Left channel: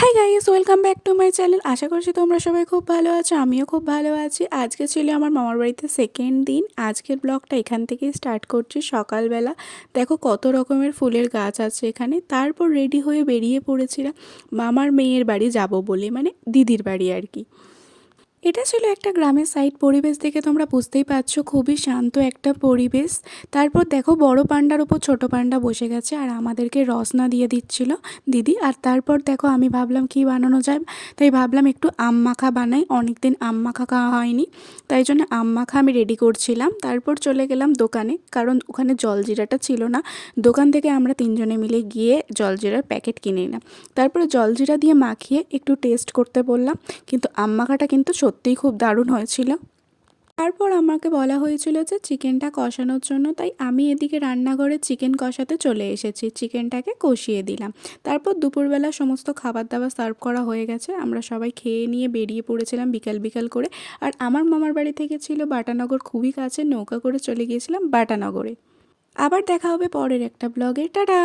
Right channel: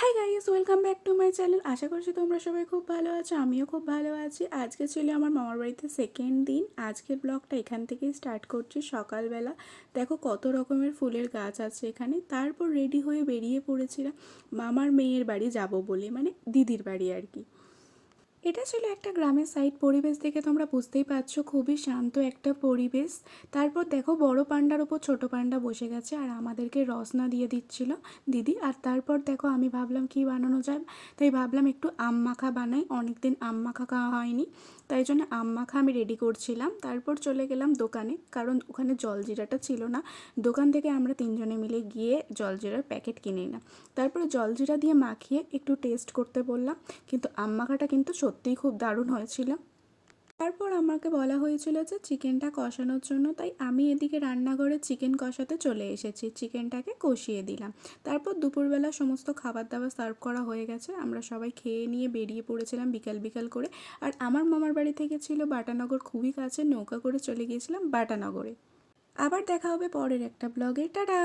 High guys, welcome back to my channel. আশা করছি তোমরা সবাই খুব ভালো আছো, আমিও খুব ভালো আছি। আজকে ছিল আমার মামার বাড়িতে সেকেন্ড দিন। আজকের ব্লগটা এখান থেকেই স্টার্ট করছি। সকালবেলা দেখো কত রকমের ফুলের গাছ আছে এখানে। তারপর রেডি হয়ে বেরিয়ে পড়েছিলাম মামার মেয়ের বাড়ি যাব বলে, মানে দিদির বাড়ি আর কি। এটা ছিল একটা গ্রামের সাইড। পরিবেশ দেখে তোমরা বুঝতেই পারছো, খুবই শান্ত একটা পরিবেশ। তারপর দেখো বড় পান্ডার উপর ছোট পান্ডা বসে গেছে আর আমাদেরকে রসনা দিয়ে দিচ্ছিল দিদি। আর তারপর দেখো আমি ভাবলাম কি বানানো যায়, তাই ভাবলাম একটু আম মাখা বানাই। অনেক দিন আম মাখা খাওয়া হয়নি, তাই জন্য আম মাখা আমি রেডি করছিলাম। তারপর চলে গেলাম দোকানে, কারণ ওখানে জলজিরাটা ছিল না। দোকান থেকে আমরা তিনজনে মিলে গিয়ে জলজিরার প্যাকেট কিনে নিলাম। তারপরে জলজিরা দিয়ে মাখিয়ে একটু টেস্ট করতে বললাম, কিন্তু আম মাখাটা কিন্তু সত্যিই খুব দারুণ হয়েছিল। তারপর আমাকে বলা হয়েছিল যে চিকেনটা কষানোর জন্য, তাই আমি এদিকে রান্নাঘরে চিকেন কষাতে চলে এসেছি। চিকেনটাকে কষিয়ে দিলাম। তারপর দুপুরবেলা সমস্ত খাবার দাবার সার্ভ করা হয়ে গেছে, আমরা সবাই খেয়ে নিয়ে বেরিয়ে পড়েছিলাম বিকাল বিকাল করে। আর আমার মামার বাড়ি থেকে ছিল বাটানগর, খুবই কাছে, নৌকা করে চলে গিয়েছিলাম বাটানগরে। আবার দেখা হবে পরের একটা ব্লগে। টাটা।